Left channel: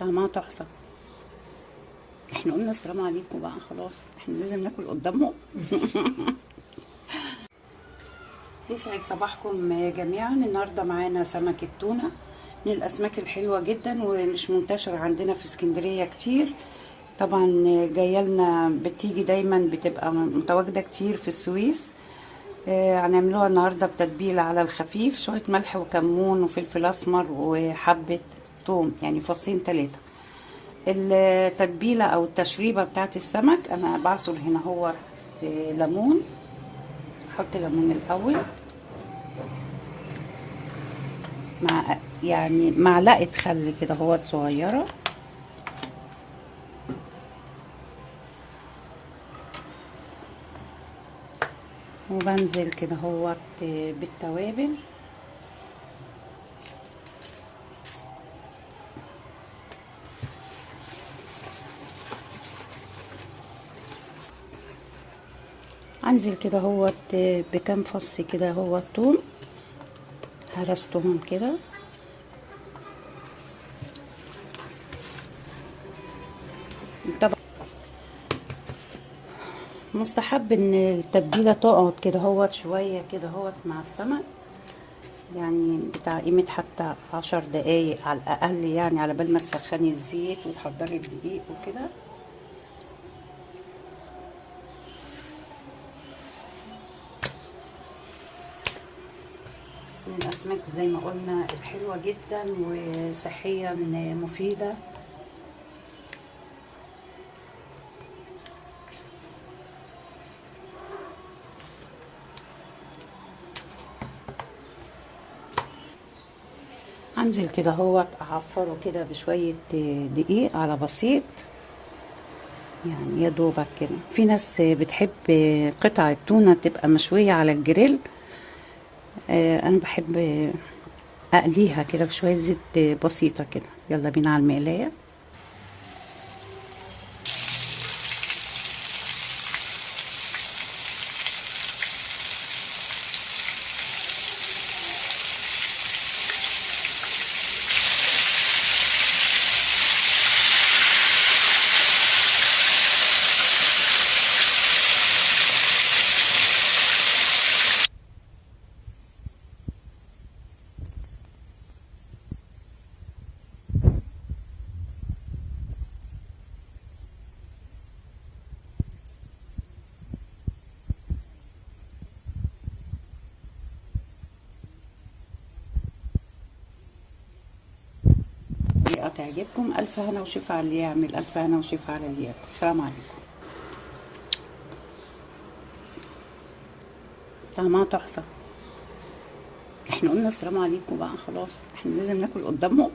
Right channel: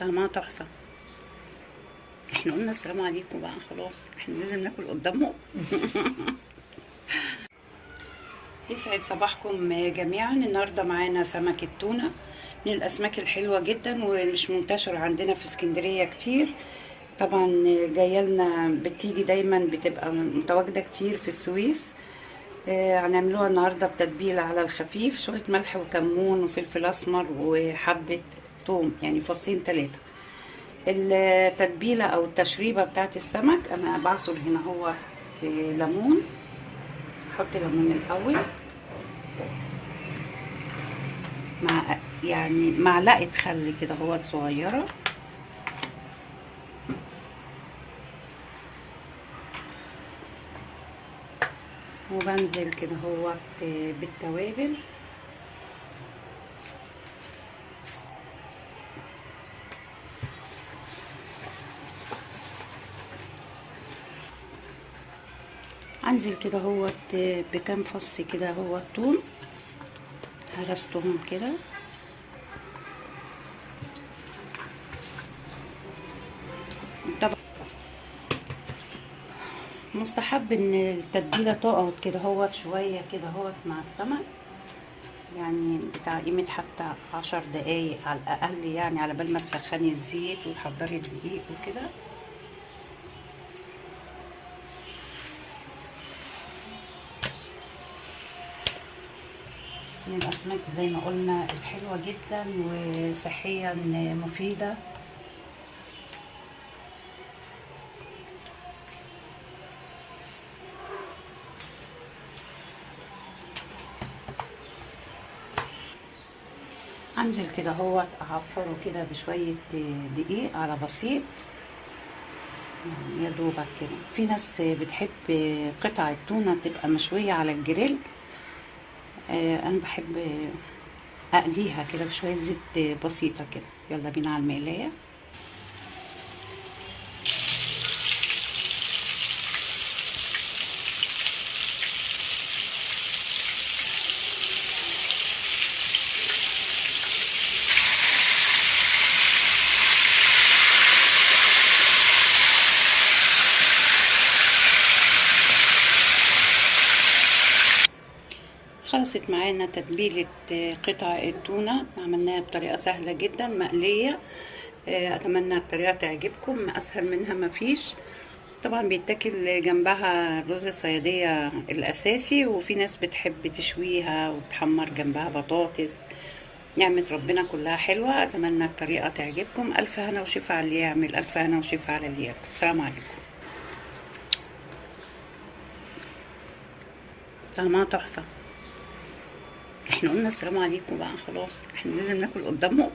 طعمها تحفة. احنا قلنا السلام عليكم بقى، خلاص احنا لازم ناكل قدامهم. يسعد صباحكم جميعا. النهارده معانا سمك التونة، من الاسماك الحلوة جدا ومش منتشرة عندنا في اسكندرية كتير. طبعا جايه لنا، بتيجي دايما، بتبقى متواجدة كتير في السويس. هنعملوها النهارده بتتبيله على الخفيف، شويه ملح وكمون وفلفل اسمر وحبه توم، يعني فصين 3. التتبيله او التشريبه بتاعت السمك، انا بعصر هنا هو ليمون. احط ليمون الاول مع يعني معلقه خل كده هو صغيره، وبنزل كده هو بالتوابل. انزل كده هو بكام فص كده هو الثوم، هرستهم كده. طبعا مستحب ان التتبيله تقعد كده هو شويه كده هو مع السمك، يعني بتاع قيمه حتى 10 دقايق على الاقل، يعني على بال ما تسخني الزيت وتحضري الدقيق وكده. من الاسماك زي ما قلنا الحلوه جدا وصحيا مفيده. انزل كده هو اعفره كده بشويه دقيق على بسيط، يعني يا دوبك كده. في ناس بتحب قطع التونه تبقى مشويه على الجريل، انا بحب اقليها كده بشويه زيت بسيطه كده. يلا بينا على المقلايه. خلصت معانا تتبيلة قطع التونة، عملناها بطريقة سهلة جدا مقلية. اتمنى الطريقة تعجبكم، اسهل منها مفيش. طبعا بيتاكل جنبها رز الصيادية الاساسي، وفي ناس بتحب تشويها وتحمر جنبها بطاطس. نعمة ربنا كلها حلوة. اتمنى الطريقة تعجبكم. الف هنا وشفا على اللي يعمل، الف هنا وشفا على اللي ياكل. السلام عليكم. طعمها تحفة. احنا قلنا السلام عليكم بقى، خلاص احنا لازم ناكل قدامهم.